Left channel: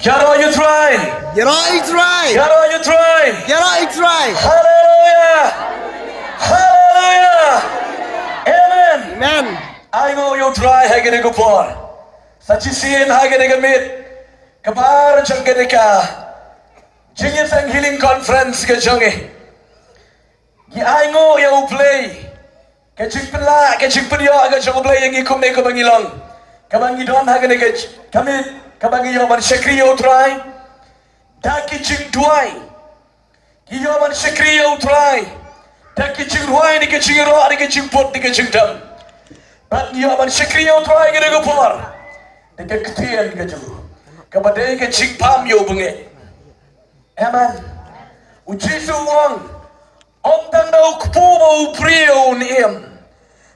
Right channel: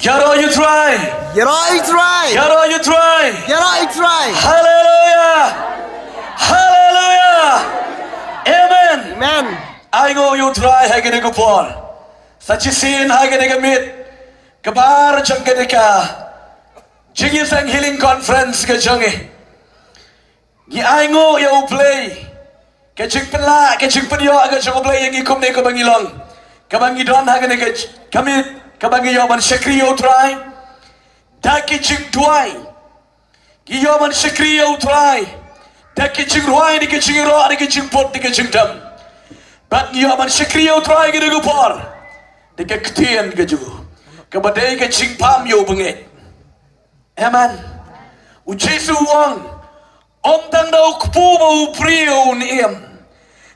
U Trai. U Trai. U Trai. U Trai. Hallelujah. Hallelujah. Amen. Amen. I go U Trai hagene go por. Sachi sin hagene go mit. Kabar jangene ka. Jingi sang healing conference ke jangi. Gi I go you play. Ke jing pela ke jing punya aga jang play yang ikum ne ko bangilong. Kabangi don hagene ke kami kabangi yo ban sekri U Trai. Daki jing tuai. Gi yo ban sekri U Trai. Daki jing ruai ni ke jing ro ni ke jing pot ni ke jing dam. But yo ban sekri U Trai ke go por. De ke ktien ke ju. Kabadai ke jing pam yo bange. Amen. U Jesu wang. Om tang da ukpu mo prio niem.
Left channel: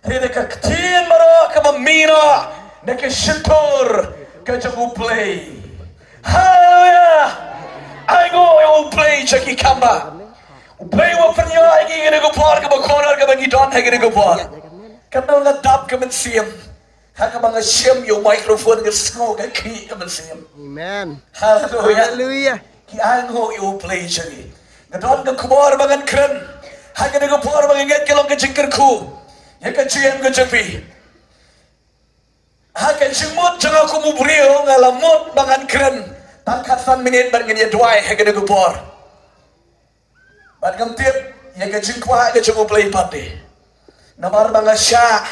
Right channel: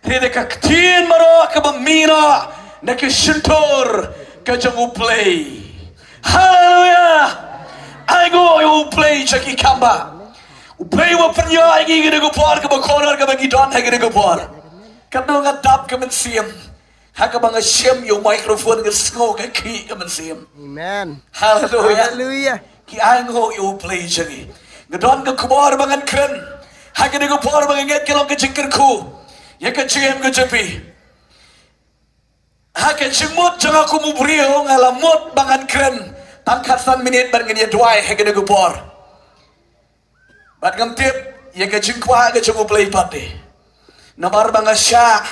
Rede ka ktien mara ka ba mira. Na ke shintor ka jang play. Hallelujah. I go play Jackie Kamba. Play wa pnya ai gi gene go por ka ba corner ka ba gi don gene go por. Ka no ga dap ka man siem. Ha ka ba nga siem yo microphone ga sko ka ki ka man siem. Amen. Hallelujah. Hallelujah. Ki ai go play Jackie. Ga don ga kumar ba ngan kren. Ha gene go por ba nget ka lo ka jingkyrkhu. Ya ka chiem ka japi. Ha ka chimut janga ku mu brio ngala mut bangan kren. Tangkasan minit bergini dua hegede gupor. Batgam tip ya ke jingkwa ke cukup play pati. Namar banga Shah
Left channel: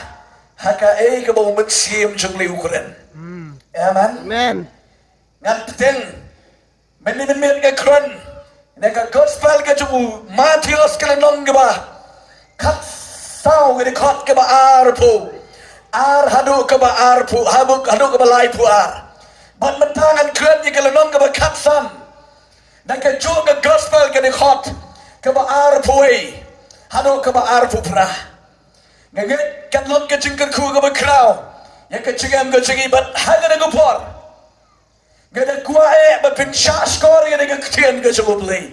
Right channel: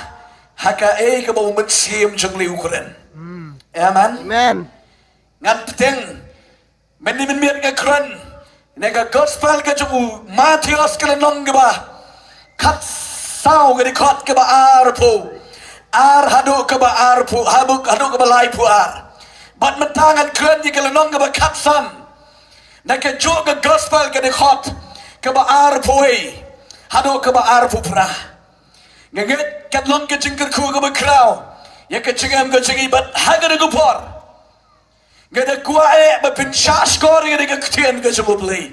haka ke bau mensim jengli ukuran. Amen. Amen. Ngat teng men ke kren. Nega gospel ke cukup Matius ke nong ke ba. Kat sau ke kot ke ba arpu. Ar hadu ke ba arpu hadu ke ba lai pu ar. But mentangan keren ni kalau nong ke katsan, nak juga gospel ke dekot ke baar pui, hado ke baar pupra. Ngaget kat long ke jingkyrkhu ke bakhraw, ya ke cingam ke cingi but haga de gupor. Ngaget kuai but Shah skor ke de ktien ke cukuplay.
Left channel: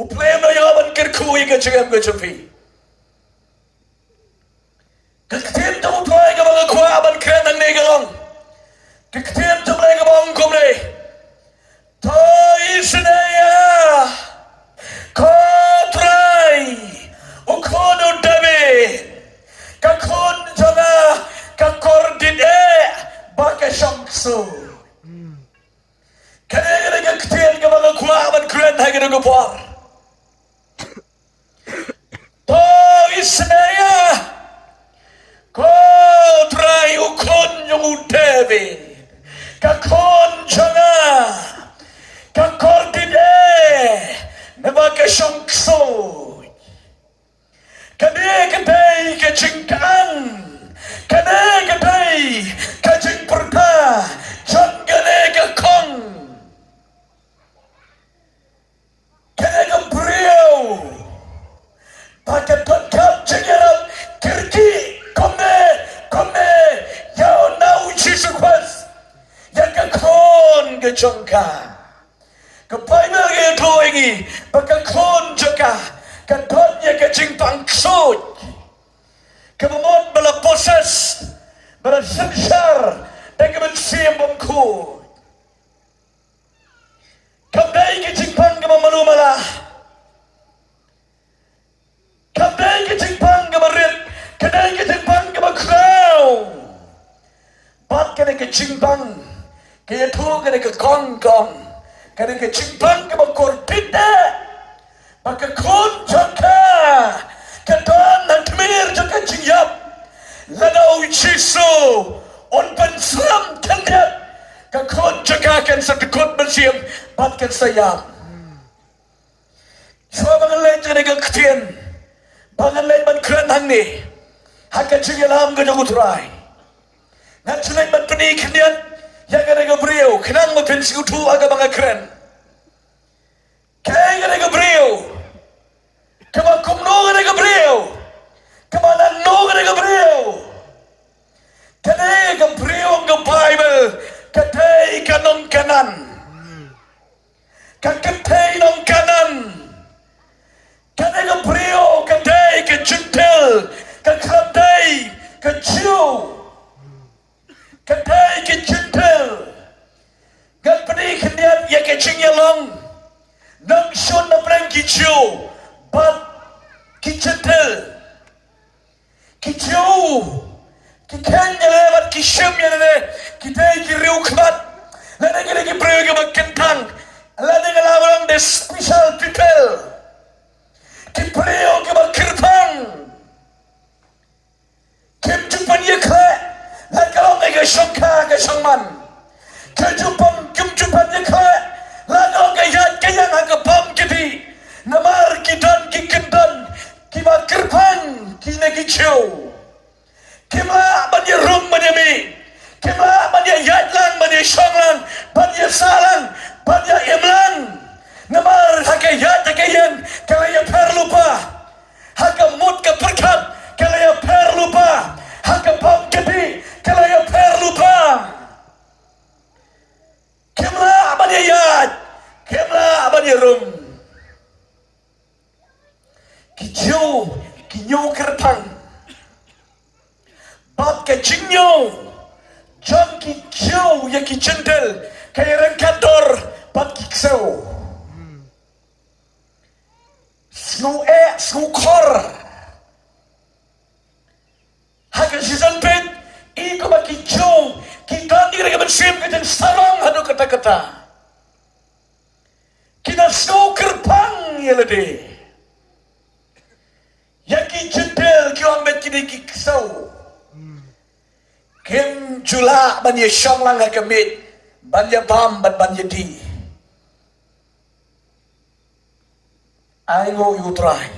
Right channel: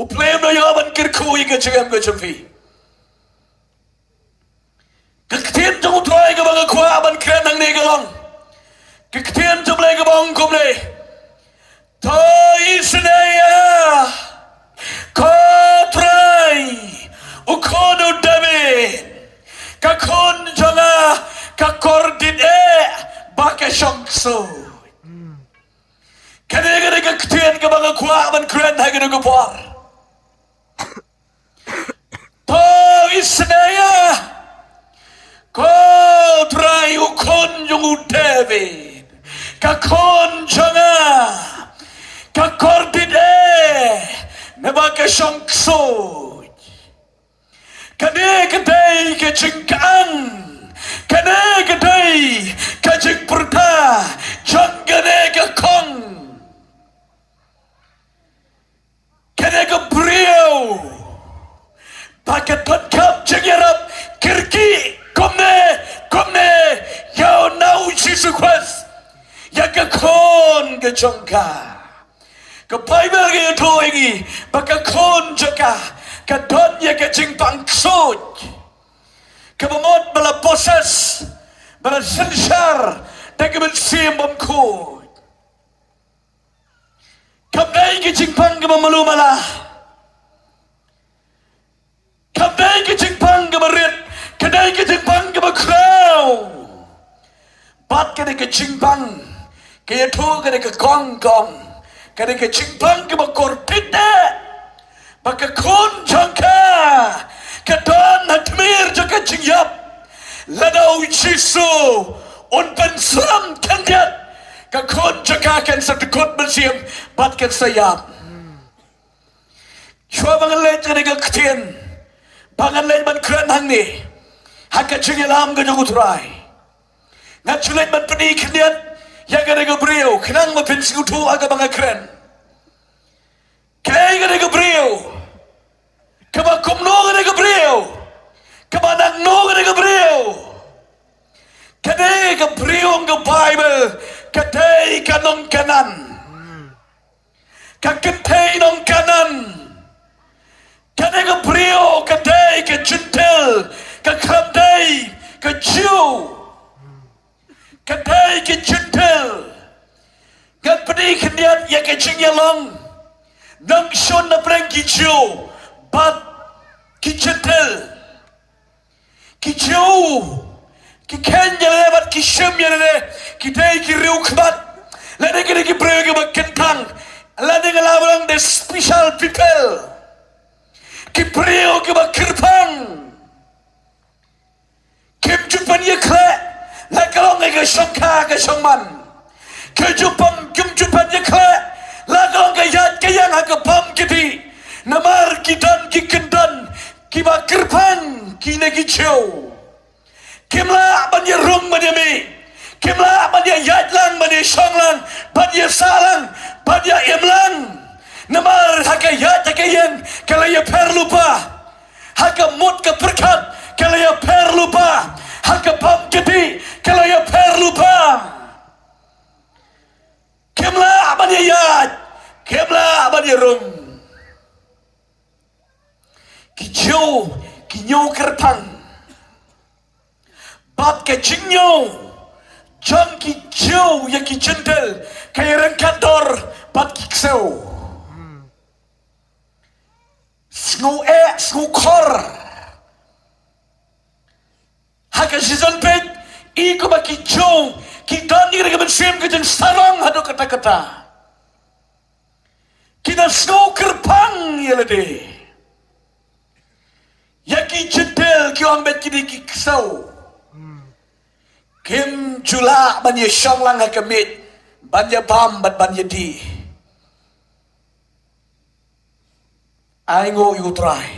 Uplay no yo ban kyrkhu ke cingam ke cupi. Ke ktien jauh try ke bang kuai ban keren nang ne galong. Kektian jumlah kebang kumne, Thai sedaya, Trai, ukono David, kakon janga, kakordine, bakeshongsu. Kene kektian kebang kuaban keren hege ngepor. Thai sedaya, Trai ukon jungu David. Kakon janga, kakordine, nebake shongso. Kane kadai ke jingkan, kane kadai ke jingperta, jangane ke kong, kane ke brio, pakai lengkap jengirap kirki, komne, yau nau Jesus Christ. Ya ke kon ke jongka ke Bible ke toingi baka kon joka ke don ya ke jingpang sud ke mamot bala bosas bala sensar dan ke mensiam bamku ke dai ke jingpang ke mamalu mala ke dai ke jingpang ke marit ke dai ke jingpang ke bakhraw bat ke jingpang kaya tu kena ke gong, kena ke jingpang ke bakor pita, baka kon jangka, ke don hatmir jaka jingyap, lanau Jesu, on pensuram kendat, ke kon jaka ken sakikot bersiam, bat ken sayap. Shua bangan lain kena ke ktien, bangan lain ban keren hang ni, haka jingyalam ke U Trai, ngat sulit ban peni kendian. Ya kena ke brio, kenang makin siutu aga bangga keren. Kaya kena ke brio, kaba kumno kena ke brio, kaba nangno kena ke brio. Kadai ke brio ke Bible, kadai ke nong kanan, kadai nong kanan. Kadai ke brio, kadai ke jentel, kadai ke Jew. Kadai ke jentel, Gapni kendian cái chuyện gì long nâng xuân nâng prem kỳ chiều bắt kỳ chân thơ kỳ chiều kỳ khen nhà lệ bắt kỳ sớm nhà lệ kỳ đây kỳ riu khmat là đây cái bèrè cái bạc kén thang là đây cái lawan the special people kỳ bèrè cái bạc kirpang kim jumpan ye khle là kalau cái sông kha cái sông man cái jumpan ye khle là kalau cái yang cái bom cái đi namar kidan kikendan kiba kirpan kine kichau kimla banya rum banya me kimla banya yatlang banya shonglang banya salang banya imlang namar hake yat hake yang kalau ya perlupa hake mut ke perkat kalau ya perlupa hake bom kedi kalau ya perlupa kimla banya yat kimla banya rum Kijau, kinyau kertang, bat ke jingnyau, jang kijau yang kijendel, kaya rengkador, bat kiksau, snow kor, haka season pet, iko ba kijau, kitani rega bersiap kejeng sarang hadu kata-kata, kita snow kerpang yelade. Yaki jendel ki ombet kini ki kesau Kim jula banya syonglang hakamit banya bam bat banya di Aingo U Trai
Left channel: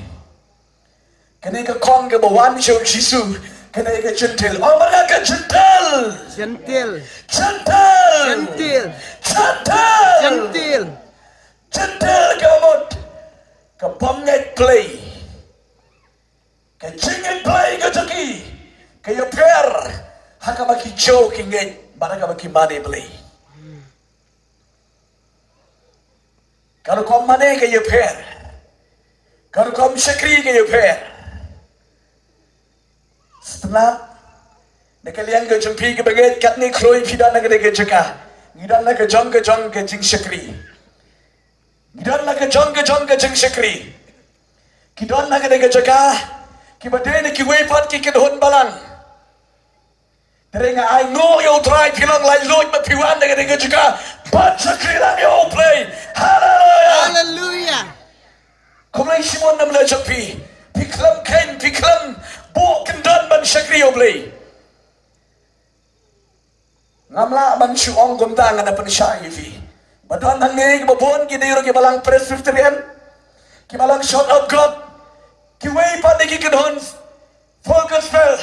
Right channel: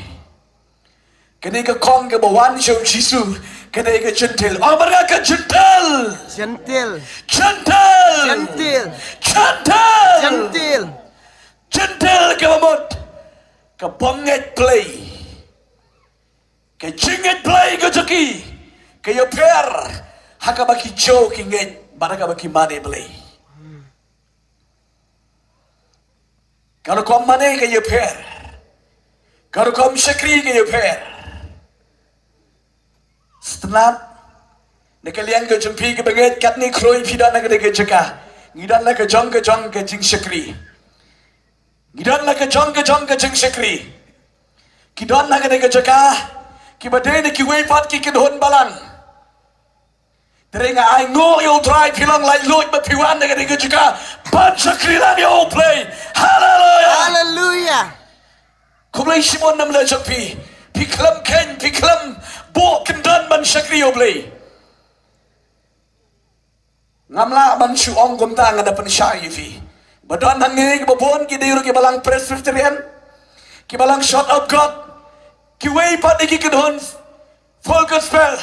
Kini ka kong ke bawan syong sisu Kini ka jendel Oh mereka ka jendel Gentil. Jendel Gentil. Jendel Gentil. Jendel ka mamut Ka bonget play Kaya jingit play ko joki Kaya per Haka baki joke ingit Baraka baki money play Kalau kau money kaya per Kalau kau syakri kaya per Setelah Nakalian ke jumpi ke baget Kat ni kroi pidan na kaya jaka Ngidan na ke jong ke jing syakri Ngidan na ke jong ke jing syakri Kidan na kaya jaka Kibadai ni kiway pat kikidhon balang. Teringa ay no U Trai pilang lai lut mapiwan na kaya juga. Bansa krilan yo play. Hallelujah. Hallelujah. Kumlay simon nam lajak pi. Piklam ken, piklam buok kendan ban syakri yo play. Ngamla ban syuong gumtang ada pensyai fi. Badan hangi babon kidiro kibalang Presbyterian. Kibalang shot of God. Kiway pat ni kikidhon full gospel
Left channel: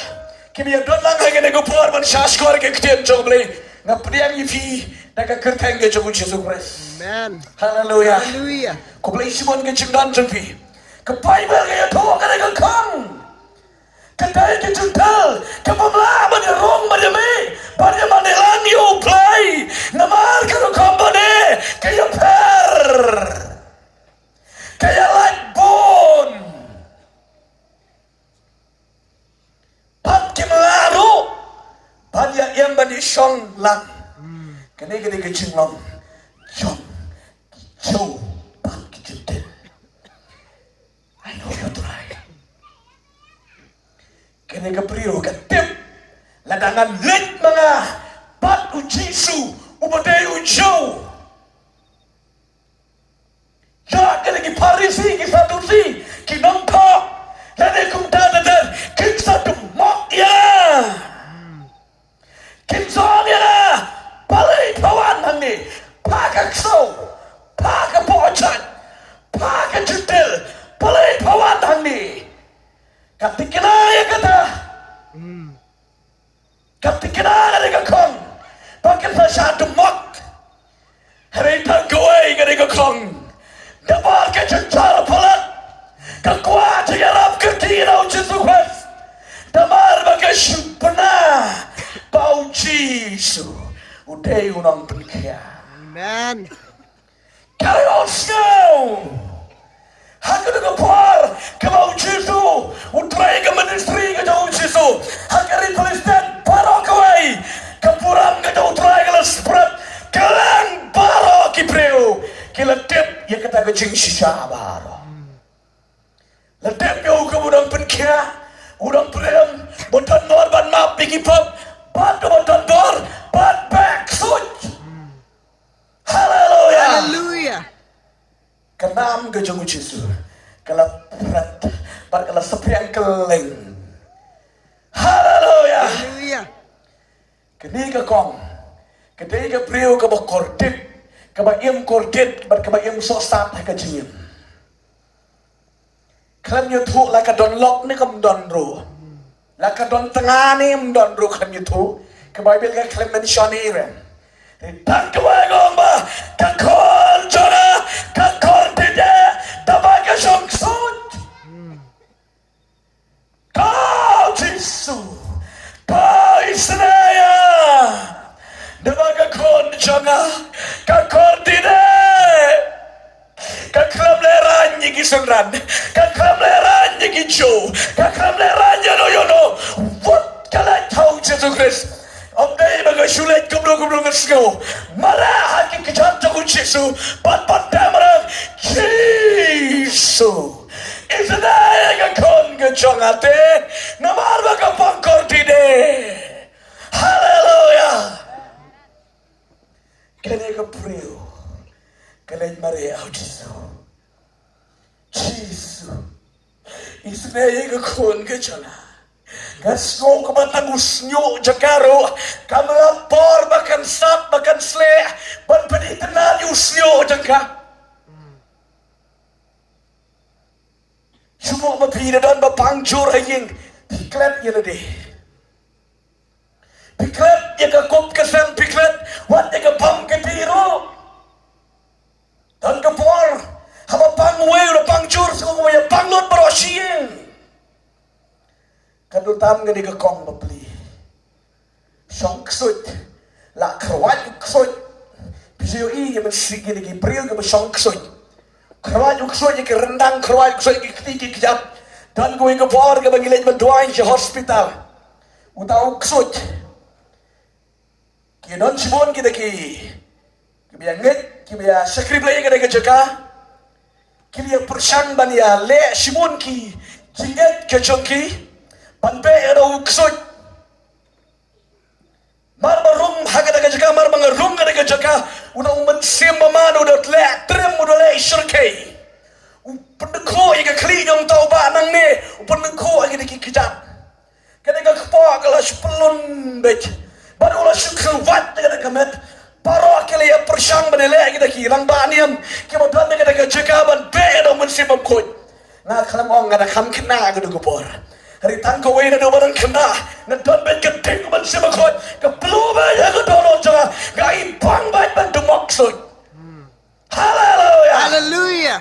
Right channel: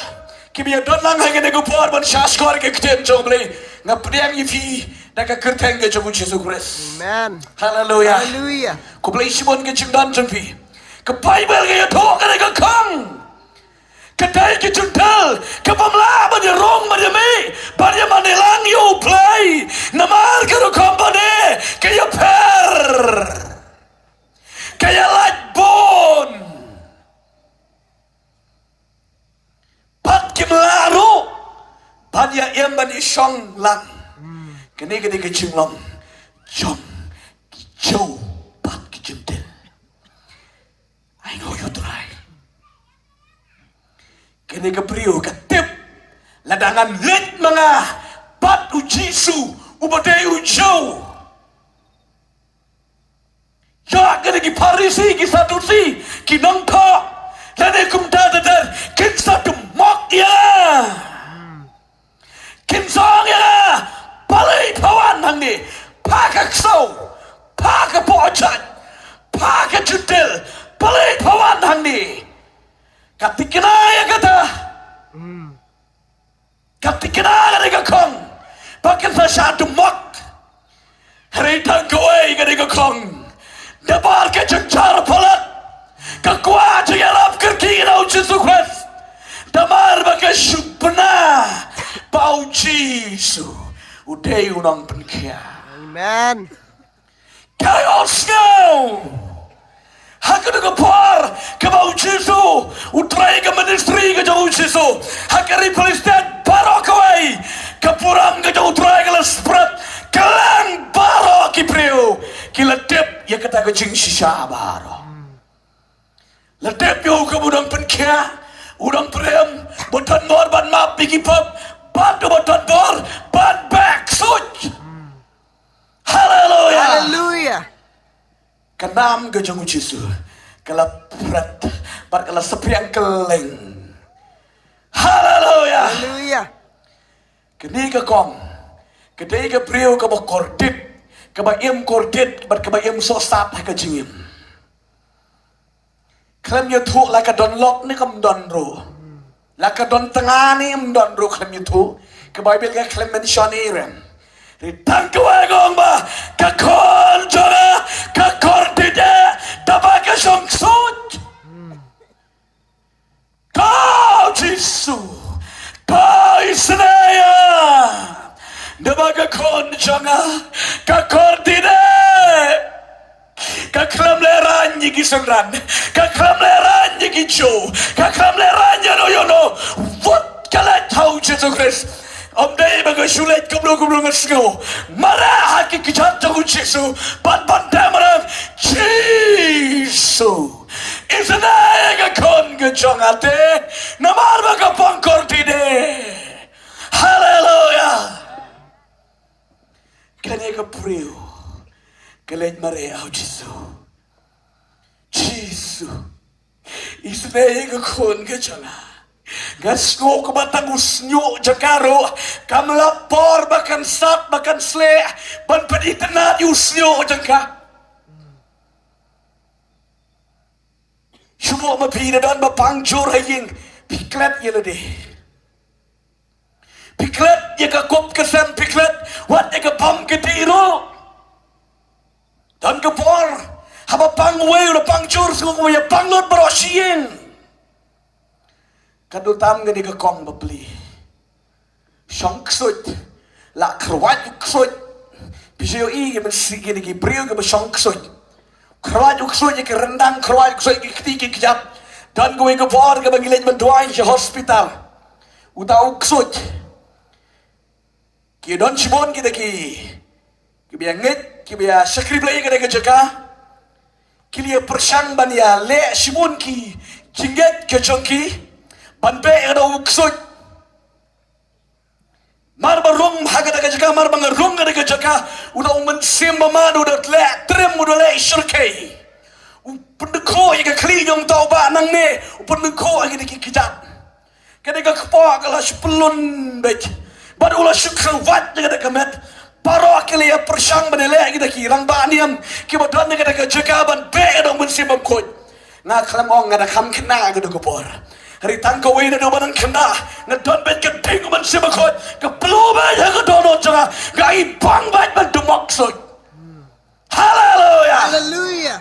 Kimi don lang hanga nego por ban Shah skor ke kitian joble nga priang ifi naga kerteng ke jobu Jesus Christ. Amen. Hallelujah. Hallelujah. Ko play simon ke jingdan jengpi. Ke Bible ke to ke nego kang. Kedai ke jundal ke pamla ban rong ban me ban manilang you play namal ke ro kompone ke yo per. Kaya light bone. Kimlaru Badia yang bani syong lang Kini kecing long Jom Kijau Bat kijuntin I know you try Kini kepriu ketip Ladangan lit mga Bat ujisu Ubadai ujau Ya kini kiparisi Kisatusi Kinangtok Lani kumdadadan Kinsatu ya, kinsong ya, balai pawan mandi, pakai ksau, pakai pocet, pakai judil, balai pawan mandi. Katikina ya kata, katikina ya kong, pakai satu mot, hari tangguai ya kong, dapat kejar palat, kekuat jalan kekira Jesus Christ. Damar bagai syubna Bau Jisu Udai unang perkia Amen. Chaos now Haka dengan par Kebau Jisu Utrai ke ministry ke jauh Jisu Haka replace that Barokawai Kapurang ke jauh Utrai ke lasperat Kelang barok kipriu kata ke jing shisha baro. Ledep yo ke budang penkia, udang prem, botan mor ban map pigi pop, ban do botan bor, ban back such. Hallelujah. Hallelujah. Kenam ke jong Yesus. Kalau berat, kalau sepi yang keleng. Hallelujah. Hallelujah. Kini ke kong, kini ke priu ke bokordit, ke bayam kordit, ke bayam sosat ke jingim. Klan yutu la ka don lok ni kam don ro, la ka don tengah ni don ro klan yutu, ke Bible ka klan mentionerem. Ritang ke wagong ba, ka kon jora, ka kordit dapat ka sungsut. Kau Yesus, kau Israel, dapat ka kon jora, ka kordit. Kakram leran yigi sangran, kakram leran yigi jo, kakram leran yano yono. What kalat how Jesus Christ? Day baga shulet kumlo ngasgo. Mara haki kijan to Jesus, but tamarang Jesus. Israel kon gajangate, namar baga pangkortide. Hallelujah. Kani ka pray. Kalian Maria Yesus, Yesus, Israel ke kon ke jana, gasgo ke batang usnyo jakaro, kamlapor bahkan sat bahkan sleh, ban peditena usnyo jangka. Semua mapina dan bapangjur haying piklat yelade, piklat ya kakup kesan piklat, wat ya kapam ketiro. Dan kepor, haba pangway udah pangjur semua ya panglot berosieng. Kadutam ngene ke kong beli. Song ksut, la krawat ksut. Bisyo i ke sige ni ke brio ke song ksut. Krawat ksut ke rendang krawat ksut ke ketiki kejap. Dan gue kepor ke bagi lain mendoain ke hospital. Utau ksut. Ki don simon kita ki. Kibiya ngit, kibiya sakriblay ka na jaga. Kiliya persang baniya le simun ki jinget ke jongki. Banpe ka daw uksot. Marmarung haga na jaga, marmangarung ka na jaga. Udaw mansim mamado dot le trim mo le shirkay. Upundko ay ka kliyong tao ba nang ne. Upundko ay ka nakikijat. Kada ka kapa ka la shpulun bet. Baru la shukrawat na kamet. Paro akili ya persang benele kita kirang baniam kita don kita ke jagaban bedo mensibam kod na kram ong ada kam kena gitu gopor hari tangko we na do banang kena na don ben ke ting mensibam kod ke ploba ya ke dono jara gai bang ban maksud. Hallelujah. Hallelujah.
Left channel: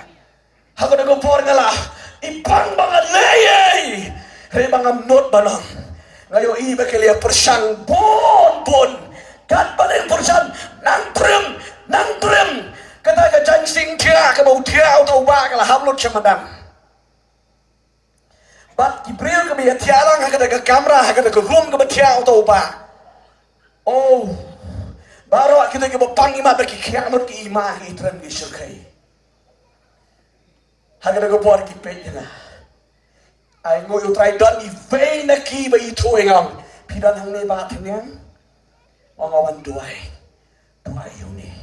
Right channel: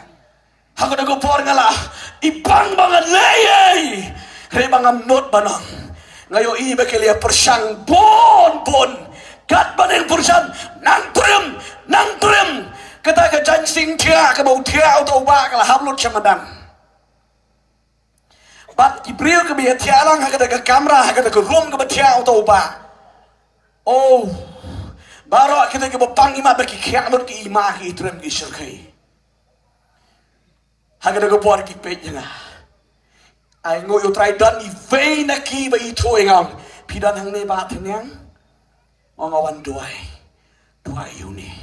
Hago na gopor ngala ibang banget leye hari bangam not banong ngayo iba kelia persang bon kat badan perusahaan nang turim kata ke jansing tia ke bau tia atau bak lah hamlot cemedang bat ibril ke biar tialang kata ke kamera kata ke room ke tia atau bak oh baru kita ke bapang ima bagi kiamat ke imah itram ke syurkai hagada ke puar ki pejanga ai ngoi U Trai dan ibein ki ba itu engang pidan hang ne ba Thyrniang Ongawan duai yuni.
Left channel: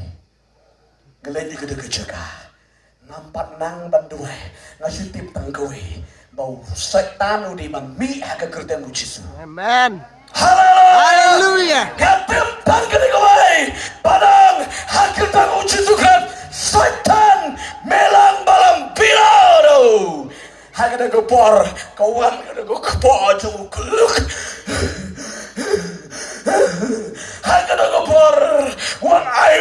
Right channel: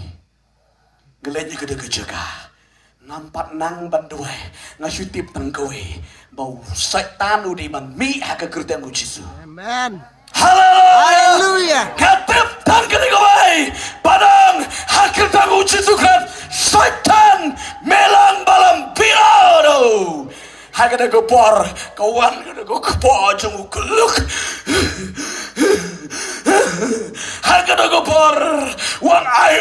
Gelenya gede kejaga. Nampak nang banduai. Ngasutip tangkowe. Bau setan udi man mi haka kerten Yesus. Amen. Hallelujah. Katep tan gede kowe. Padang haka kerten Yesus kan. Setan melang balam piano. Haka de gopor. Kawan gede gopor jemu keluk. Hakada gopor wang ai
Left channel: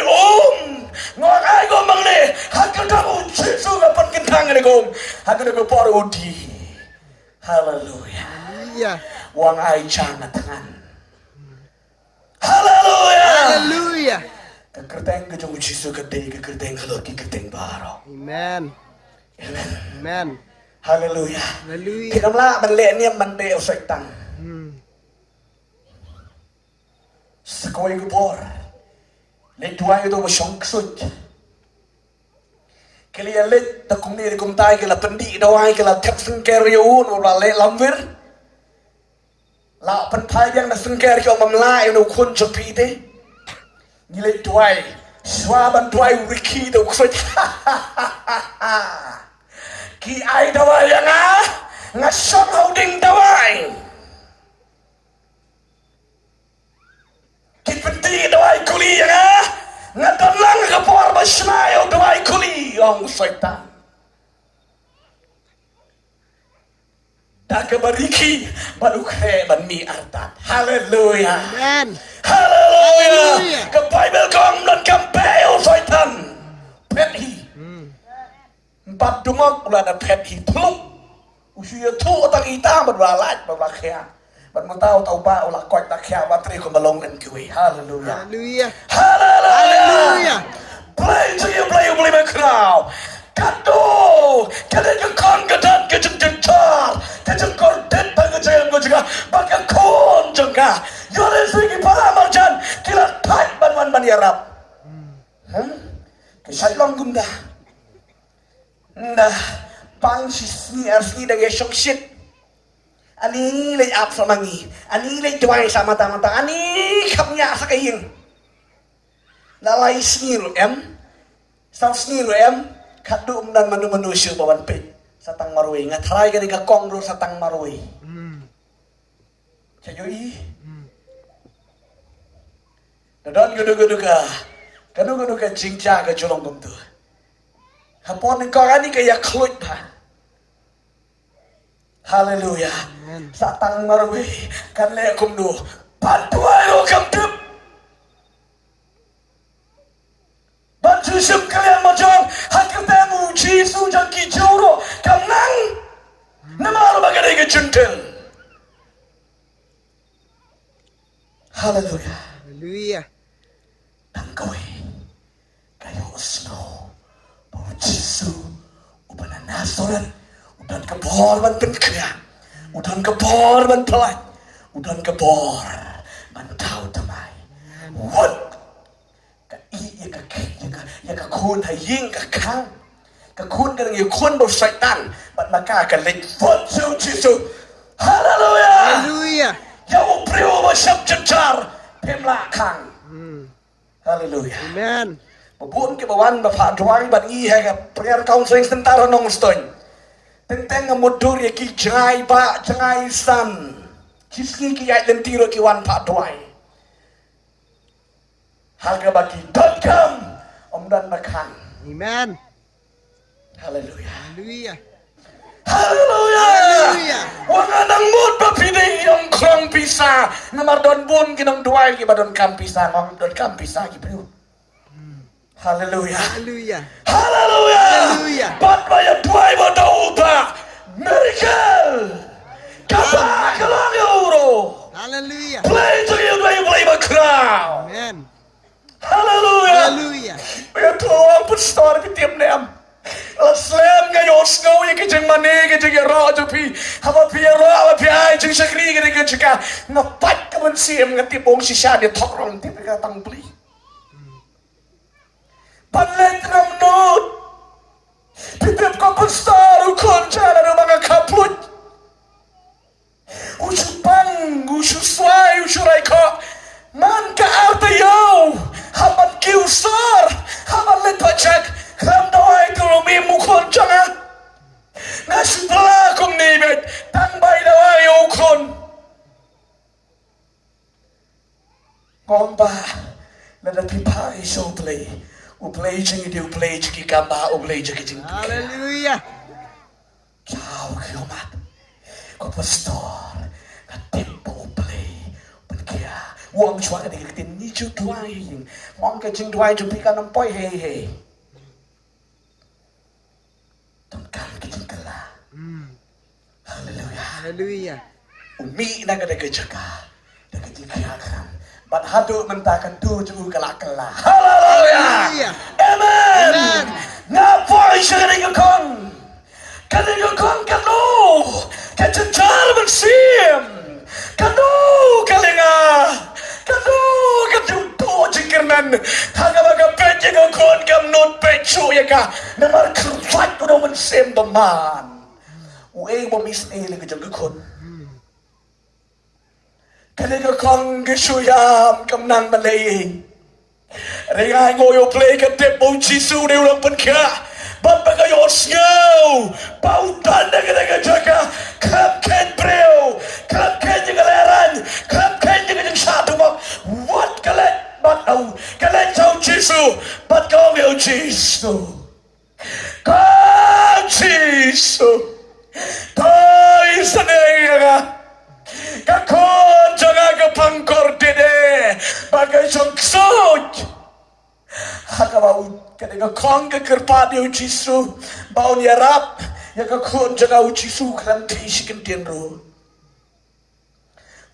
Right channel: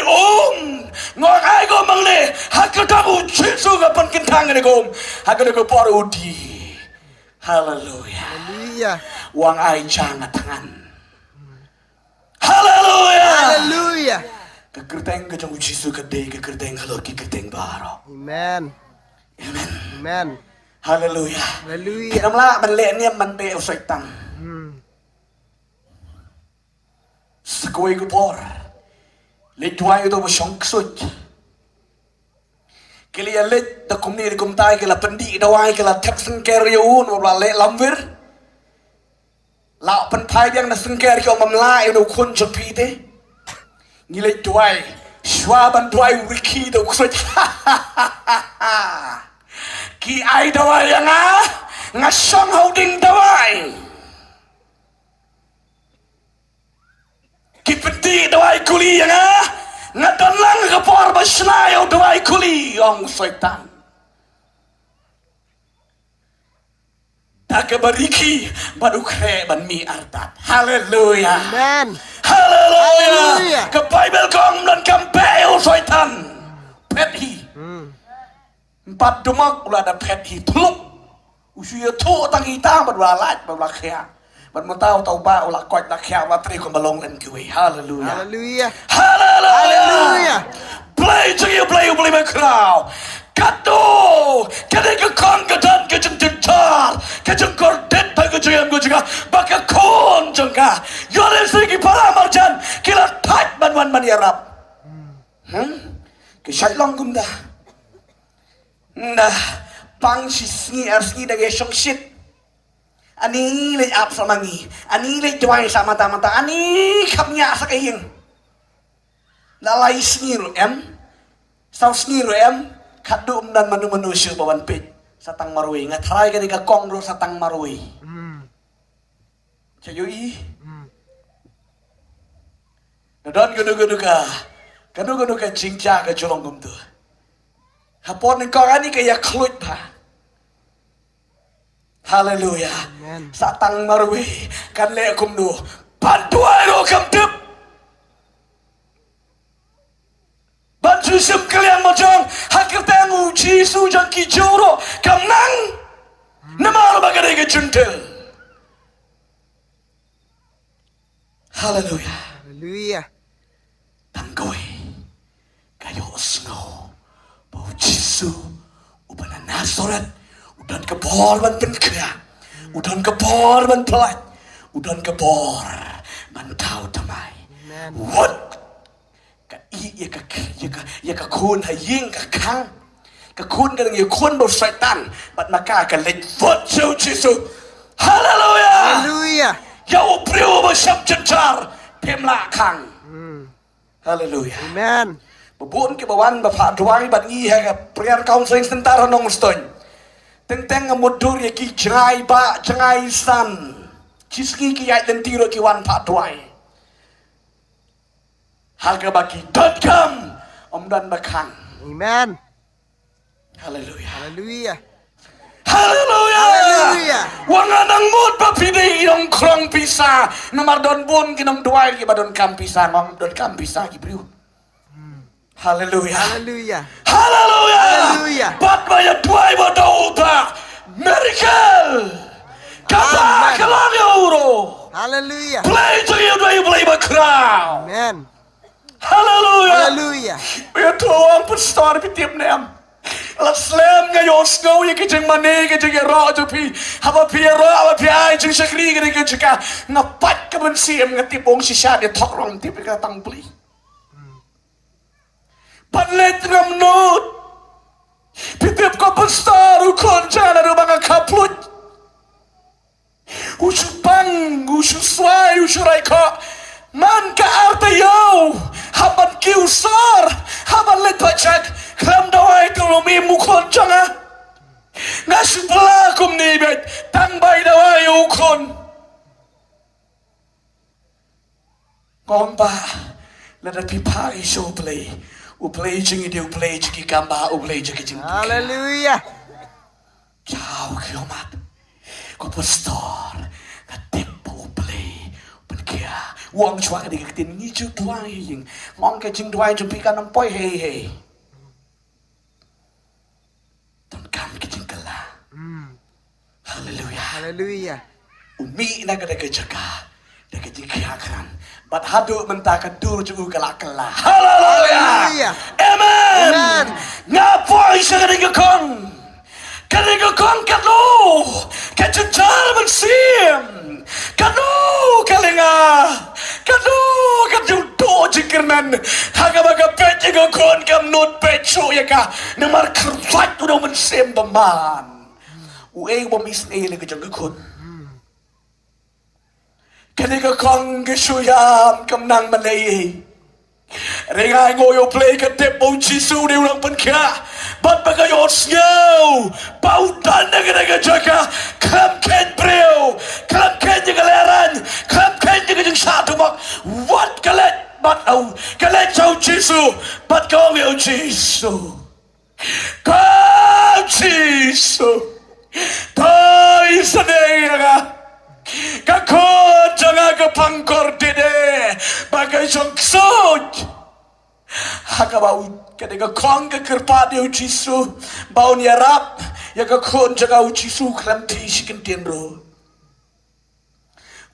ngok ai go mangne hakada u Yesus kapan kentang ne gom hakada gopor udi. Hallelujah. Hallelujah. Wang ai jangan tangan. Hallelujah. Hallelujah. Kekerteng ke jong Yesus kedai kekerteng halor ki kerteng baro. Amen. Amen. Hallelujah. Hallelujah. Kinamla ban le ne man be setan. Sekoy gopor. Le tuay do masyong ksut. Kili alit da kumni di kumtai kila pendi dawai kila tek sengkeriun wala le lamvir. La penpai yang na sengker kau mamlai no kun jopi de. Ngilit dawai Schwaban dawai wiki do kusot. Ki ai dawai yang ngasong holding dawai. Ki pendi dawai kuli yang ngatalang kapor baslay o dawai kuli ang syaitan. Bariki badukre ban mi artat. Haleluya. Amen. Haleluya. Ke Bible kong dan kampel syaitan. Pethi. Empat demak ulah ada pethi teluk. Usia tu tang ita berwalat berlakian. Ban tahu ba ulah koi nak kya watri ko balong en kuwi. Haleluya. Haleluya. Haleluya. Haleluya. Play to you play bakhraw. Kado, kada ka kon gadan ka jingkyrkhu, ka jingkyrkhu pa ko jayam ko juga, baka kon jangka. Yore segi para majan kila tat man yarap. Ke syailang gunda. Nah, pang sisni asni dari syong shit. Ani le ap sama ni, ani le jawai sama mata, ani kapnya sa kayin. Nalai sniru Saw sniru kadum dan manusia bawan pit satang marui ngatrai ka diga kongro satang marui. Cayoi. Dadan gudu ka jingja ka jolong bumtu. Hapon kau ani ka yaklut ha. Haleluya. Satang marui kan le kumdu bantuan ko kamtup. Bantu sekalian macam hakir tengu Jisu jangki joro kamnang nama bagai ke jentel. Haleluya. Haleluya. Tanggoy kayo osno bau Jisu uban nasorat udan kebor banten kaya udan kebor bantelat udan kebor bantau damai. What? Iaka kun haying kakang kakun kan ye kun do syaitan bat maka kan let fotu Jisu. Haleluya. Haleluya. Yau priu basyap jencar pemla kang. Haleluya. Amen. Babun ke bawan bapak duai bat ngi ha prayer counseling sebentar nong ston. Teng mudur ye ki jangai ba jangai san. Kiski ki ya dentiro ki wan pak duai. Hargabaki.com Om dan Bakang. Amen. Haleluya. Haleluya. Haleluya. Haleluya. Wangadang mood papidi yung krang pisa. Namar don bun kinong duay ki badon kam pisa ngong don kam pisa ki priu. Haleluya. Haleluya. Haleluya. Haleluya. Papa ya duay mo daw ba? Miracle. Kaba kalang euro. Haleluya. Play to you play bakhraw. Amen. Haleluya. Haleluya. Ya Tuhan besar pitiam nem. La slam ngayon snow yung kijing mani kijing rojo pi. Haba pi ro pi ay jing sakri kijing jika ngapat ka man siyem nga tipong si Shah di torong tipi ka tangpli. Panlet ng nod. Pitip ka besar ukon jana ng mga kaplut. Usupang ususway usuray ka. Man ka artayaw. Haban kiusar, haban letacak, klam dawai tulumi mukon jangan. Nasi pelakum nibet, tangbay dawai ukon. Ngomba, lada pipari show play. Uplay jingi di uplay jingi gamba, uplay jingi jingi. Haleluya. Jauh kilomat, ko pastor, katipo uplay, penkia. Uang chua di katin ni chu duai ngong ke jing duai jumpi kan poi hey ton kan ke jing kala. Haleluya. Haleluya. Umi na kada ke jaga da ke jing kan bat hadu mentakan dur ju kala. Haleluya. Amen. Amen. Na poi sering kong kada kong kadu ke jal bersim kadu kalenga kadu jingkyrkhu haga baga pet ko kon kam not pet show ya ka na mar fight tu man sem the man u e wa mis e le ka jang khon ka ne ka kong ke show ya kam nang man nei Ringa ngoyo play ka tempo jisu de ulang penka Bat bagayo siyaw Pautan na ka jaka Kam ken preo Kam ken yung galeran Kam ken yung satumak What kalet Bat au Kalet sa jisu Bat kong yung jisu Kam jisu Pai sa naya Kakon jangan ke pangkor dede bagai jongsut. Haka bau ketika kong ke kerpa dia ujisu bau ni Arab ya kakon jangan ujisu kelam tisi kentian ro.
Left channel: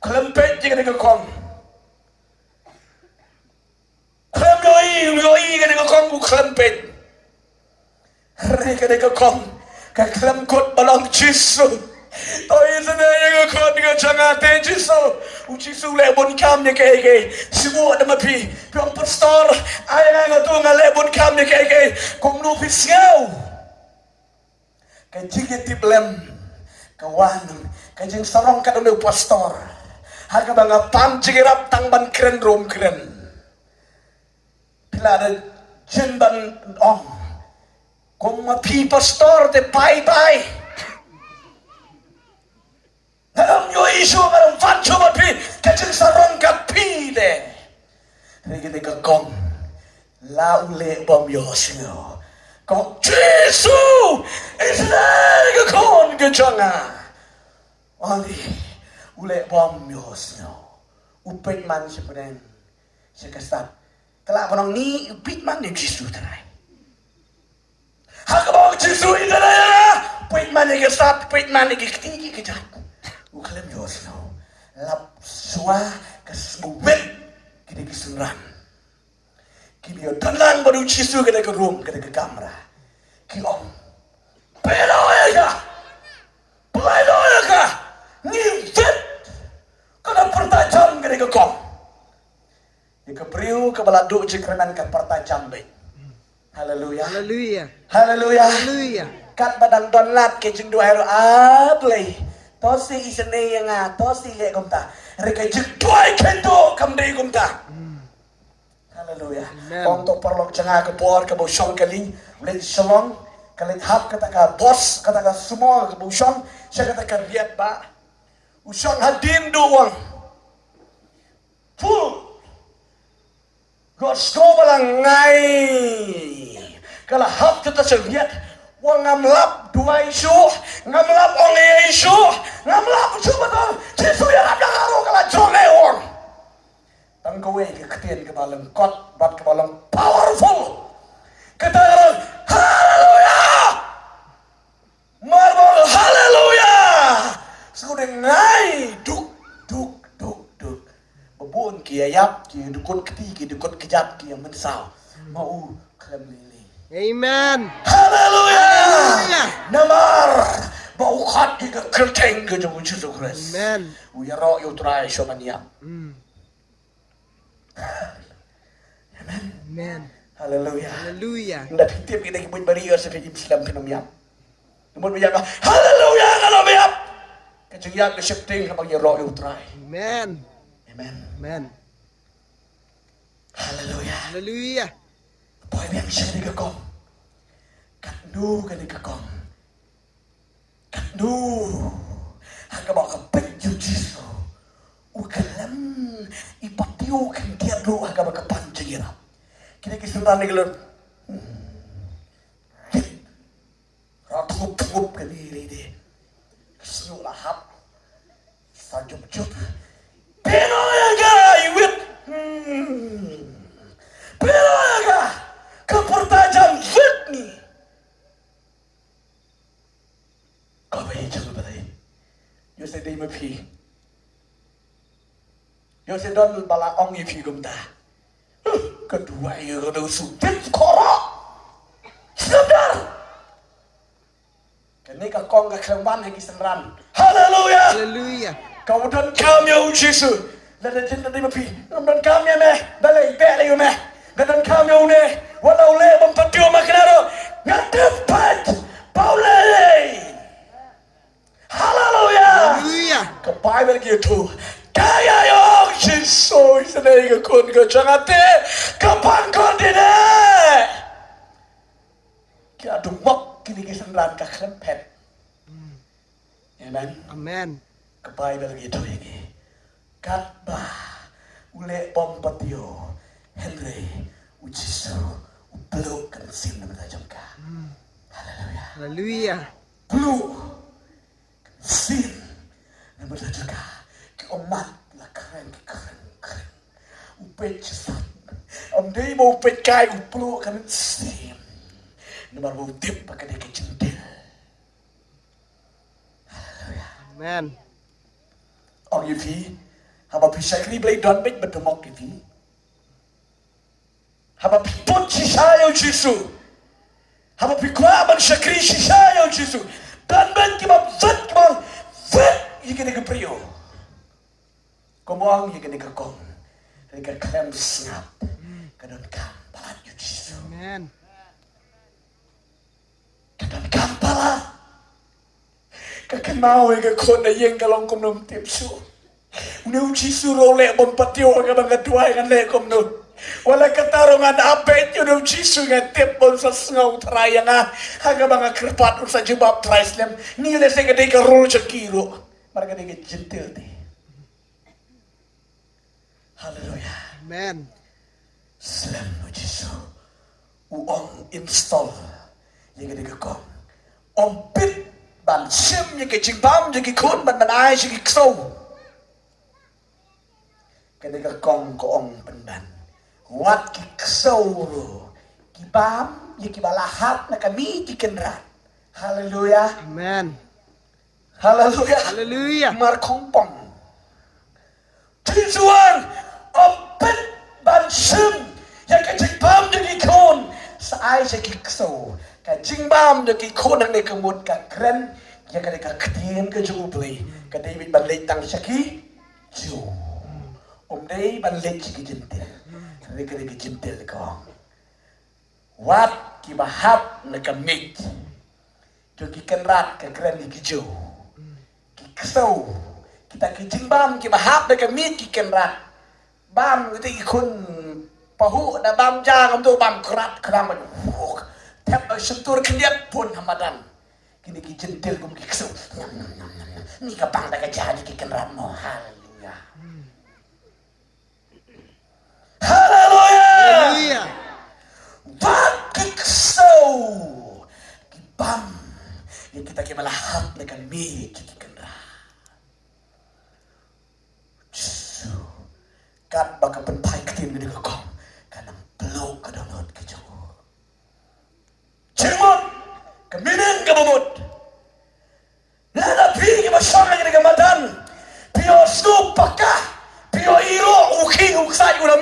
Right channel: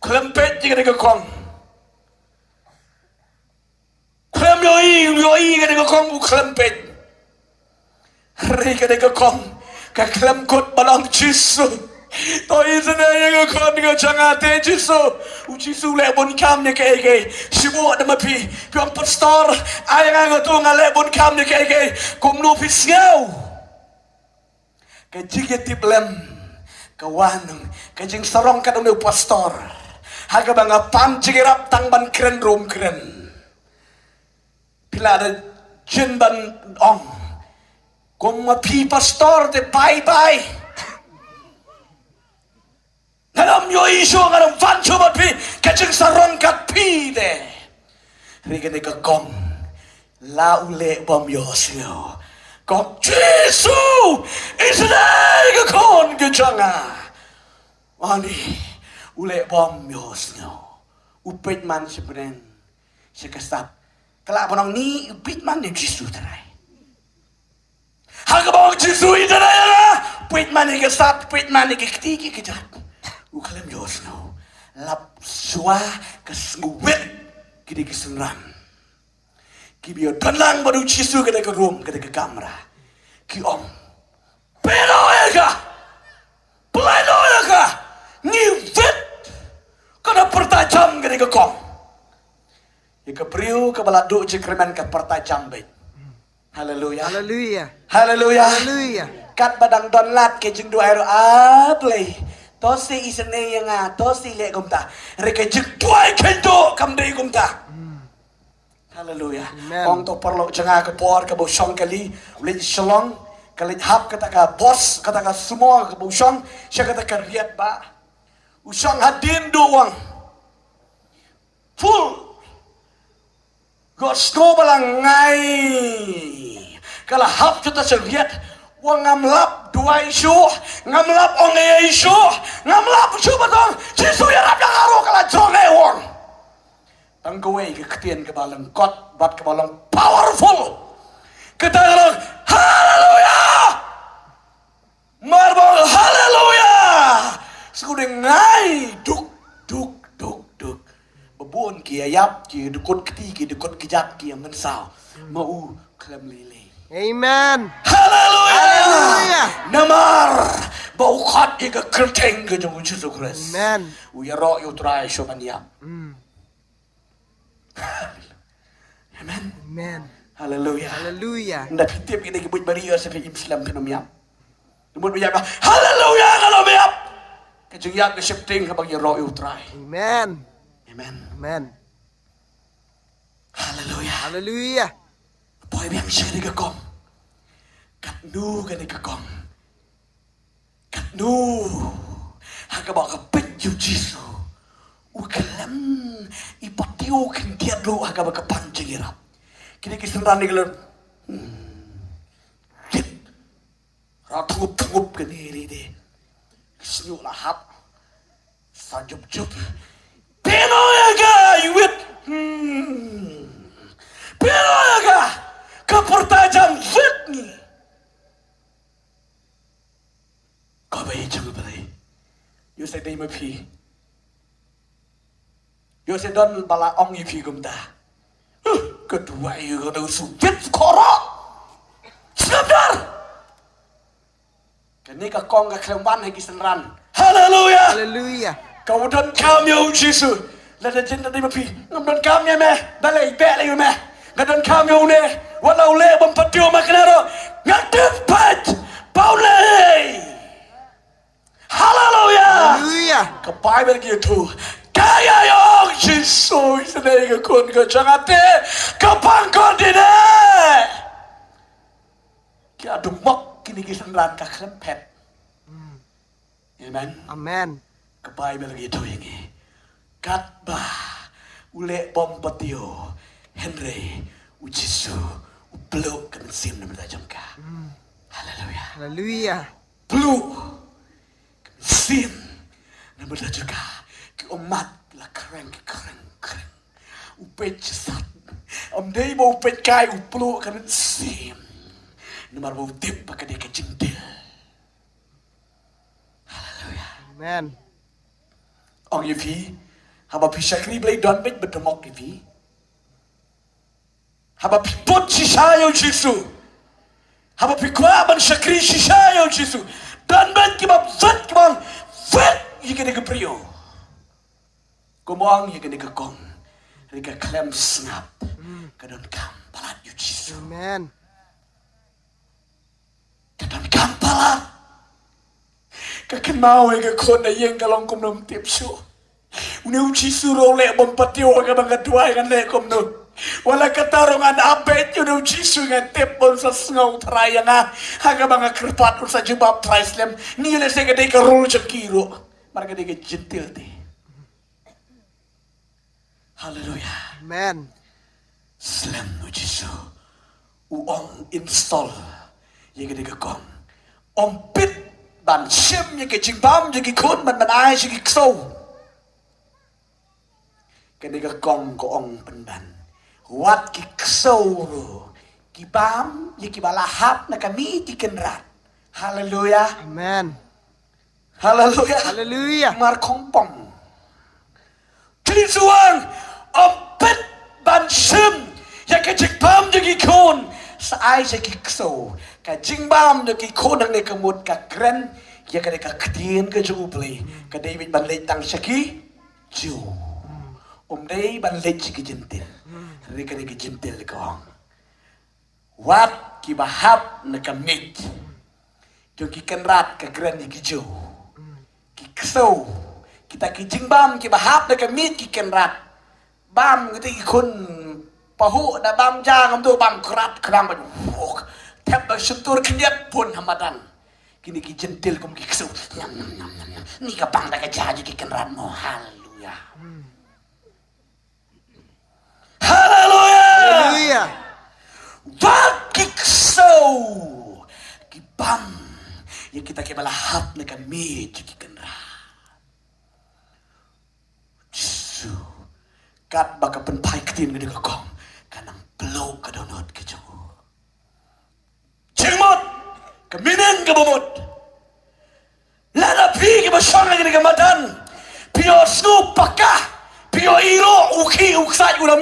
Kelam pet jika ketika kong. Kelam yoi ketika kong bu kelam pet. Hari ketika kong kelam kot balang jisu. Tôi sẽ nói những con những chẳng hạn thế chứ sao chỉ số lệ bốn cam như cái chỉ bộ để mà phi trong pastor ai mà tôi ngài lệ bốn cam như cái cùng lo phi siêu cái chiếc tiếp lên cái wan cái jing sarong cái đồng pastor hai cái bằng pan chiếc rap tăng ban keren room keren pila ada jen ban ong cùng mà phi pastor để bye bye Alam nyo iso ang alam fan chumat pi kachang sarong kat pi de. Rika de kakong la ule bom yo singo. Kong Jesu isnay kakon kachanga. Ani ule bom yo singo. Upit man si pren si kastat. Kala panong ni upit man ni Jesu taray. Hagabong Jesu itaray. Upit man ni kastat, upit man ni kikitiki kita. Ukalan Diyos na lapswa kasngwit kini kisengran kibiyo tanang baru Jisu kada ke room kada ke kamera kiom pero ya pleno ya ngivit kada pertajam kada ke kom ya ke priu ke baladu jikreman ke pertajam baik haleluya Hallelujah. haleluya Hallelujah. kat badang donat ke jeng dua ablay Tosi isene yang tosi le kumta. Reke jekduai kendo kamdei kumta. Haleluya. Kong to perlu jangan ke por ke bosong kali. Len shalong kali hap kata ka bos kata ka semua ke bosong. Saya kata ka riat ba. Usong hadin doang. Full. Gosto balang ngai. Kalau hap kita seriat. Wang ngamlap dua isu, ngamlap onge isu, ngamlap coba dong. Jisu yang ada karo kala jonge wong. Tangkawe ke ketien ke balang kot, bat ke balang powerful. Kita dalam haleluya, marbal haleluya. Sekudeng ngai duk duk duk duk. Babun kiayap ki dukut keti ki dukut kejat ki yang mensau. Mau kelam lili. Amen. Hallelujah. Hallelujah. Namar bau khat ika kerteng ke jemu Yesus Kristus. Amen. Uyaro U Trai somania. Amen. Amen. Hallelujah. Hallelujah. Nda pitip ina kibut bariya sa Islam pinumya. Lumod mo yaka. Hallelujah. Hallelujah. Kajung yak shifting kapag yaro U Trai. Amen. Amen. Amen. Hallelujah. Hallelujah. Boy biang siya ni kakong. Kanu ka ni kakong. Kanu. Hanggang baka penyo Jisu. Ukalam. Ipatiyo kintiyan lo hanggang baka panjira. Kinikisundan ni kalam. Kit. Ratup-tup ka ni hindi. Kisnyo lahat. Sanjup-jup. Pinoy ka! Iwit! Pinoy ka! Kepertajam fitni. Kau bayi jangan berai. Yo saya dah mepi. Yo saya don bala ong ipi kumta. Kedua yo dah sujud korok. Sebentar. Kini kakong kekeman lagi senran. Haleluya. Hallelujah. Kau dan kami Yesus. Lada jenda dah mepi. Ngam dan kami meh. Balai balai meh. Ganun kami uli, wala uli abang patio makinaro, ngatepat, paulay. Hallelujah! Hallelujah. Kebible gitu, kaya yang Jesus sedang ikut ke jangate, kepangkot ini. Kia dumok kini kisanran kaklan pet. Amen. Amen. Kebible gitu ini. Katba ule bom patio Henry ujisu uplo kan sim na jangka. Hallelujah. Hallelujah. Blue sim na jangka. Umat la keren. Upet sat. Day mo upet kai uplo kan sim. Numar mo tip pakai ke jendel. Hallelujah. Amen. Ông như phí Haba pisakri blay don bit betemok ni phí Haba put sisayo Jesu Haba pikwa ban sakri sisayo Jesu Dan ben kibab zat kibang Vet yikene ke prio Komong yikene ke kong Rika klem snap Kadon kam palat yu Jesu Amen. Kadon kam palat Kakenau yang kon na yang kalong kumnum tipsu. Uneu Jesu role bompatio ka mga dua yang le kumnum. Wala katarungan apet uneu Jesu nga tipon sa U Trai nga haga mga kertuat sa jubab Trai nila sa gede ka role sa kilo. Marga de gentil di. Hallelujah. Amen. Slam no Jesu. Uong install yang gede ka kong. Ompit ban sim như cái chim bám như cái khôn mình ai như cái sâu cái này cái con của ông pendan wat cái sâu rồi cái bám như cái balahat na kami di kenrat. Hallelujah. Amen. Hallelujah. Hallelujah. Mar kompong Tuhan ompet ban sim như cái chim bám như cái khôn sa ai như cái sâu ka jingbam de ki kodang de kemut ka kren ya ka de ka kdien ka juble ka David ban leit tang saki ju dei ban leit ki jentil re ka de ki jentil ka wat ki bahap na ka mit jo ki kenrat ka kren ki ju ki kso kita ki jingbam ki bahap de ka mit ki kenrat bam ki kun pahu na bam jang am do bam krat krang ban Tap sentur kenyat pun hamadan. Kini ki jentil kum ki kesel. Ni kapang tak jaji ki kenratmu. Haleluya. Haleluya. Hallelujah. Wat ki kesel. Ki bam. Yang kita ki balahap na kami ki kenrat. Jesu. Kat baka penpai ketin ke kong. Kanang peluk ke donot ke jauh. Cimot, keminan ke bumut. Lada pi ke basang ke kamadan. Pio snoop pakah, pio iro uki uksai una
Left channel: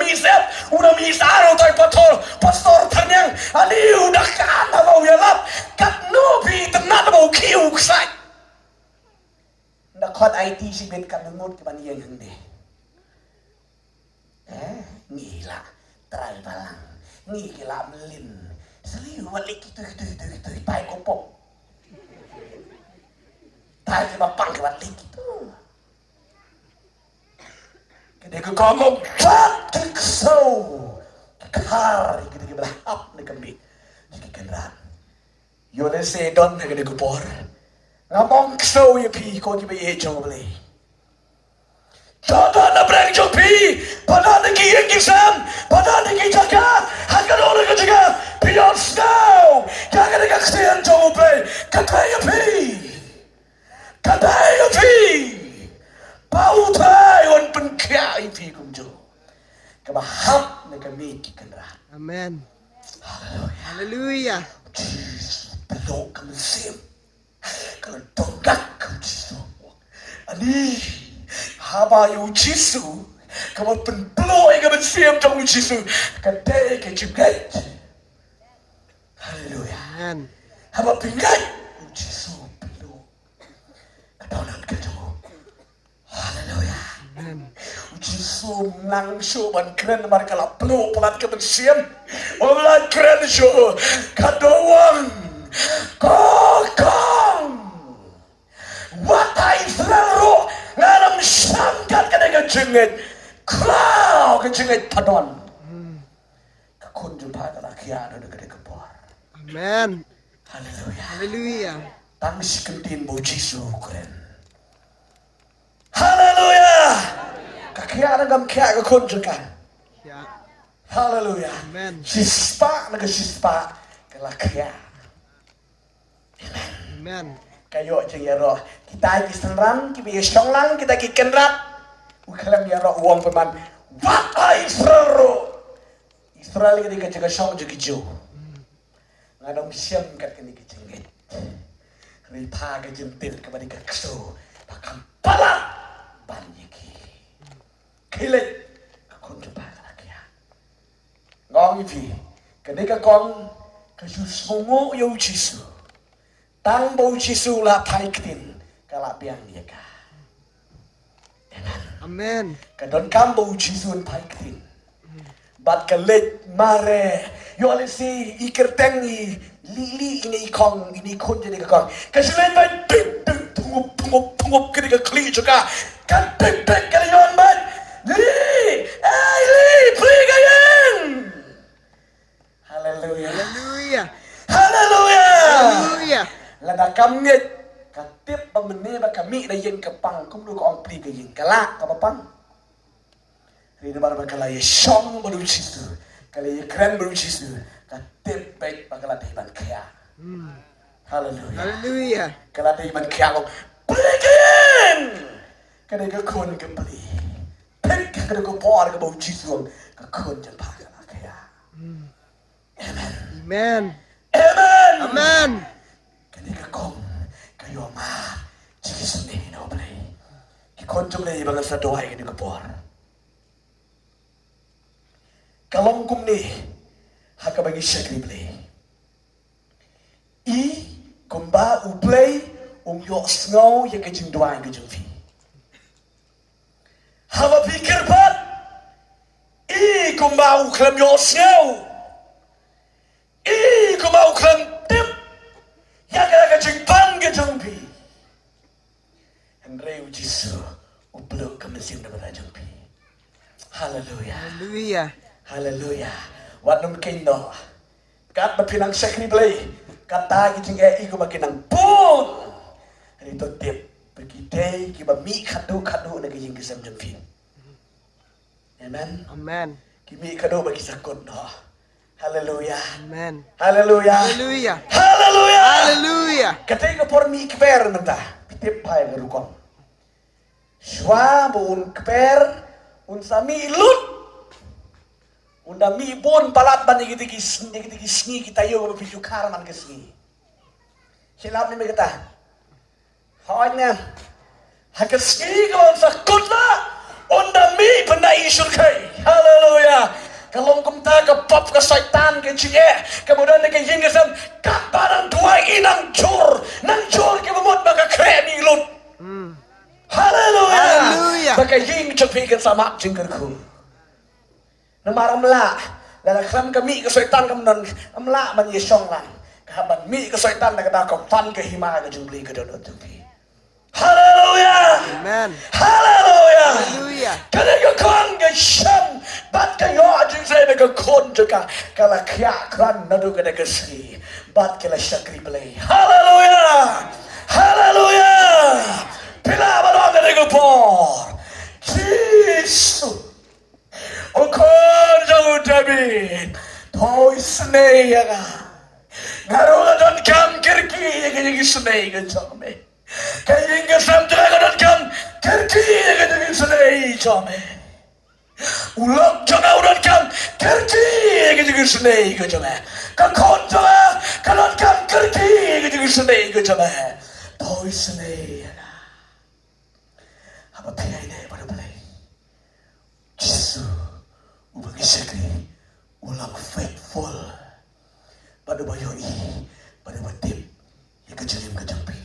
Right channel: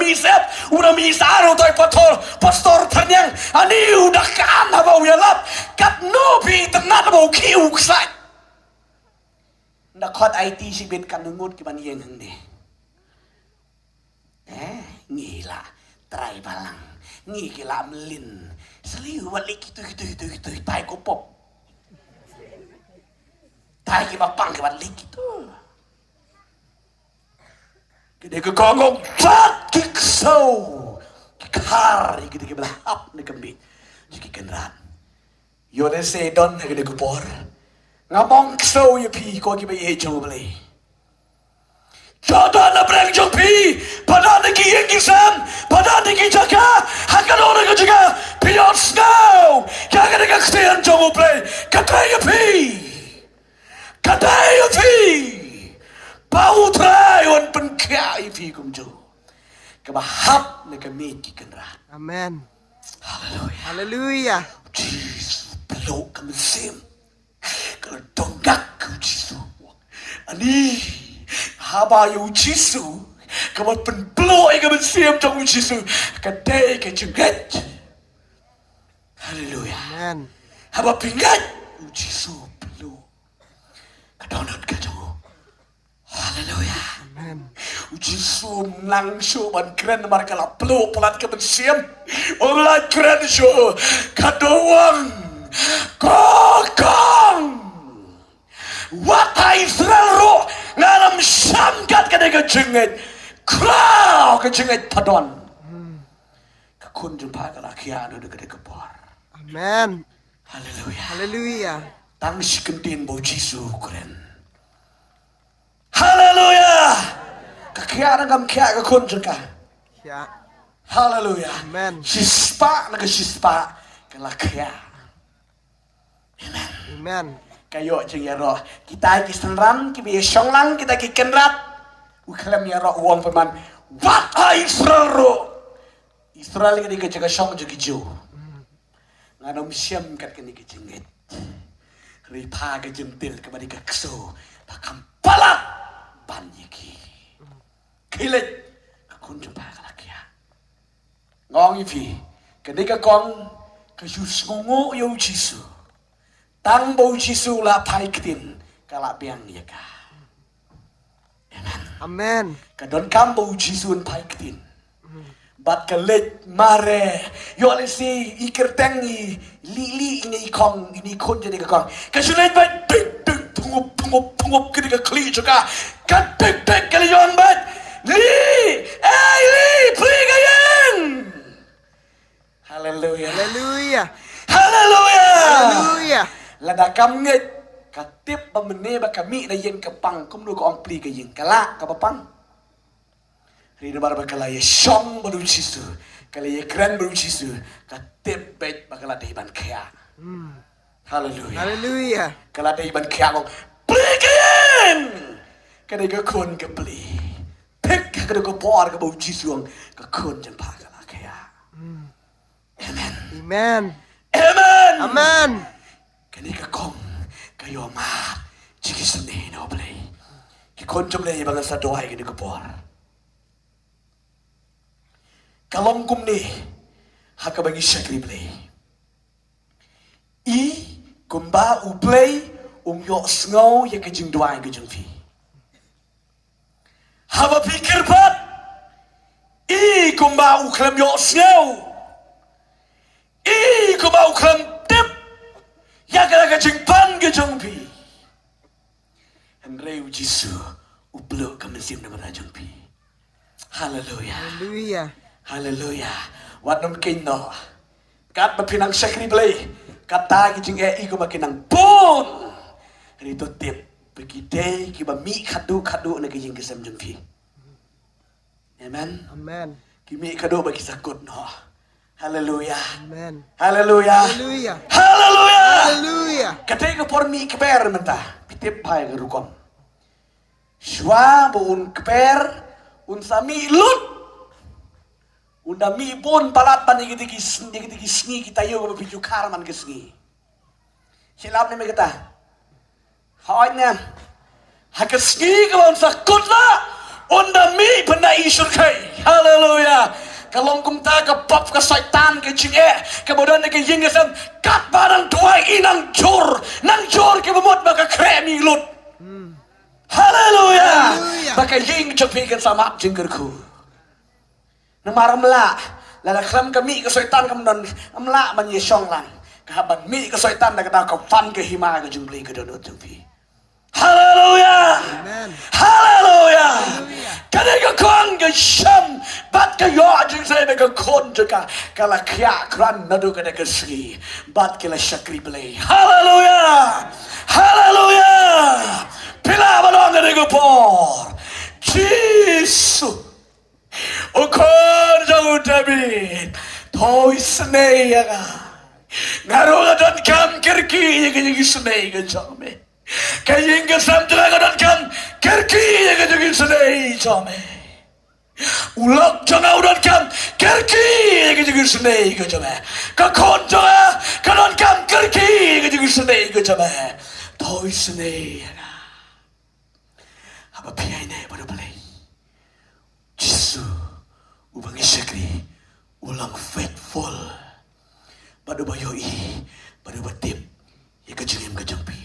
misaro tak pastor tanyang. Ani udah kan apa uyalap. Kat no pi tenat apa uki uksai. Nakot IT si ben kandungut ke maniang hende. Ngila, try balang. Ngila melin. Seliu balik itu tai kopop. Tai ke bapang ke balik itu. Kede ke kongong cat kiksau. Kikar kita ke belahap ne kami. Jiki kenrat. Yo de se don ne kede kupor. Ngapong ksau ye pi ko ki be ye jo beli. Jada na breng jo pi, pada ne ki yang kisam, pada ne ki jaka, hakan orang ke juga. Beyond snow, kaya ka kasihan jomo play, kataya pi, bau trai wan penkai pi kumjo, kabahap na kami kikanrat. Amen. Hallelujah. Hallelujah. Jesus, peluk kami sim, kalau tonggak kami Jesus, ani haba yu Jesus, kamu penpeluk kami sim kamu Jesus, kadai kejungat. Hallelujah. Amen. Haba pingat Jesu peluk. Kadonat kado. Hallelujah. Amen. Jisu nang show ban keren mereka lah peluk pelat ke bensiam. Orang keren show kadoang kokong. Watai Israel ngalam sangkat kedega jengit. Kraw ke jengit tadon. Kekun jumpa ke lakian ada kedega bor. Amen. Haleluya. Haleluya. Tang si kentin bau Jisu keren. Haleluya. Kakya nagam kya kekun juga. Ya. Haleluya. Amen. Sispa naga sispa kelakya. Amen. Amen. Kayo jeng ya roh. Kita kisenran, kita songlang, kita kikenrat. Ukalam ya roh uang peman. Wat Israel roh. Israel ini kejaga song jadi jo. Ngadom siam kat kini kejengit. Ripa kejengtil kepada kekso. Takam pala banyiki. Kilit kekon jumpa kelakya. Ngong ifi. Ketika kong kasus ngungu yau Jisu. Tang bau Jisu lah paikin kalak piang iaka. Amen. Amen. Kadon kam bau Jisu paikin. Bat kelit mare. Yo lesi ikertengi lili ini ikong ini kon jadi kekong. Kasulit bat ding ding pungup ketika kli juga. Kan ding ding kali yon bat. Li, pli gayang. Haleluya. Haleluya. Haleluya. Haleluya. Lada kamnget katip pemene ba kami da yen kepang kum lu ko ong pli ka yen kala ka papang. Ri bar ba kala ye shong baru Jisu. Kala ye kren baru Jisu. Katip bet ba kala da iban kaya. Haleluya. Haleluya. Kala da iban kaya lo pli ka yen. Kada ga kon ka pli. Pek kada ga por ka bau Jisu ka kon jan pa kala kaya. Amen. Amen. Amen. Amen. Ketika kong kayo ma cikis ni no play. Kikon jom le ibang sa doay ketika por. Kalong kum ni haka bagi syakri play. I kumba u play yo snow ye kejing doay kejing fi. Haba pikir pat. I kumba u klem yo snow. I kumba u klem tip. Yaga jengpan ke jengpi. Andrei Jisu uplo kami sim na mga jengpi. Hallelujah. Haleluya. Hallelujah. Wat nung kindo. Kat mapinang sakri play. Kata ki jeng iku makinang boom. Rito tip. Pagkite kiba mi kadu na kijing kisem jengpi. Amen. Amen. Kimi kadu bagi sakot no. Hallelujah. Amen. Hallelujah. Haleluya. Hallelujah. Haleluya. Ketika por mi keper mentah, pitip pai gerukong. Shua bu un keper, un sami lut. Un dami bon palat ban digitigi sngi kita yo biju karman ke sngi. Silap ni kita. Hanya hak sngi ko un sakutla, un dami benda isur kai. Hallelujah. Kalau kumta ke pop ke syaitan ke jinge kemudian ke yin kesan kat barang tua inang jor ke memut baka kremi lut. Haleluya. Haleluya. Baka yin cepikan sama jingkyrkhu. Namaram la la klan kami ke syaitan kemudian amla man yesong lan kahaban mi ke syaitan da kata ko fan ke hima ke jungli ke dodot jengpi. Haleluya. Amen. Haleluya. Haleluya. Kadang kong ke syam bat ke yo ajing saya dengan kon juga kala kya kran nadu kadang kesri bat kala syakri play. Haleluya. Haleluya. Pila balon dengan por. Jisu. Okor jauh David. Toy snake. Ngarola dan kam kirki yang snake ke jome. Kaying ka samtara kan kerki yang itu sedai jome. Ulak jana udah kan kerki yang itu sedai ke jome. Kakonjo ya kalon kan kerki yang itu sedai ke jome. Toy sedai. Apa pihai ne pada balai. Jisu ubang isakri ulang faithful. Pada bayoi pada batip yang kejengim kejempi.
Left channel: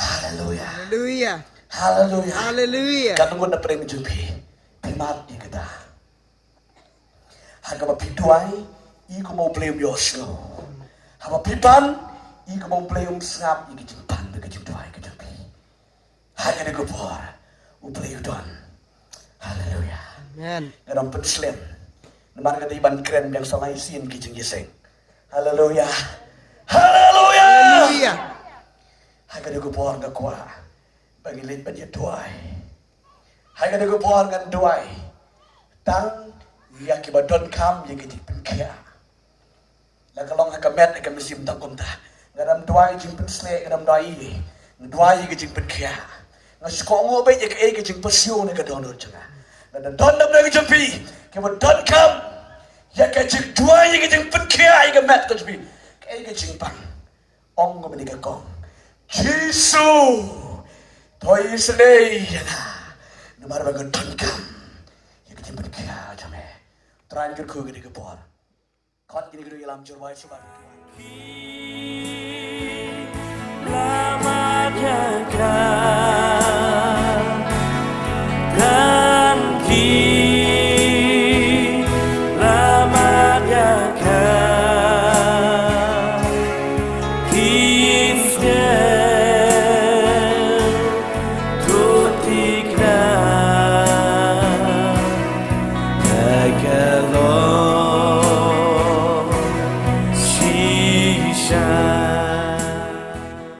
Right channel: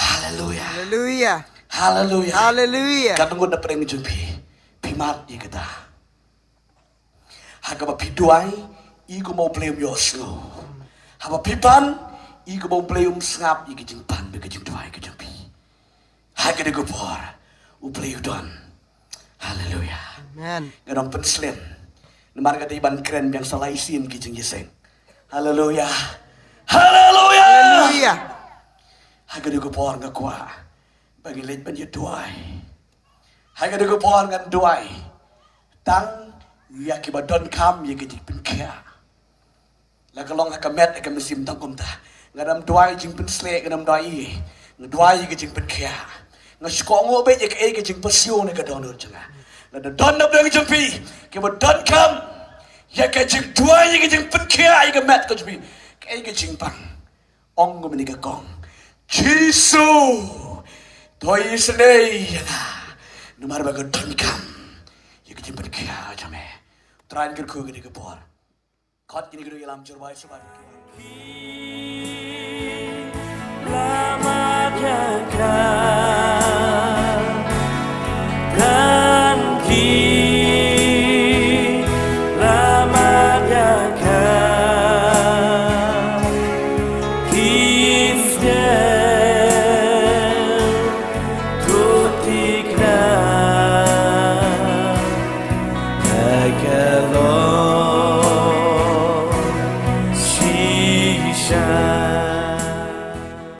Hallelujah. Haleluya. Hallelujah. Haleluya. Katunggo na preng jumpi. mat ni kata. Hagaba piduai iku mau play yosno. Haba pipan iku mau play snap iki jing tan ke jing duai ke jing pi. Hagade go por. U play don. Hallelujah. Amen. Gadong penslen. Namar kata iban keren yang salai sin ki jing yeseng. Hallelujah. Hallelujah. Hallelujah. Hagade go por ngakwa. Bagi leit ban duai. Hagade go por ngan duai. Tang ya kibadon kam ya gejik pen kia. La kalong hakamet akam mesim tak kunta. Ngadam duai jing pen slek ngadam duai. Ngadduai gejik pen kia. Ngaskong be ya ke gejik pasio ne kadon dur janga. Ngadam don na bang jampi. Kibadon kam ya gejik duai ya gejik pen kia ya gamet kajbi. Ke gejik pan. Ong go menika kong. Jisu. Toy slay na. Numar ba don kam. Ya gejik pen kia jame. Try and get cool, get a good boy. Caught in a good alarm, your wife.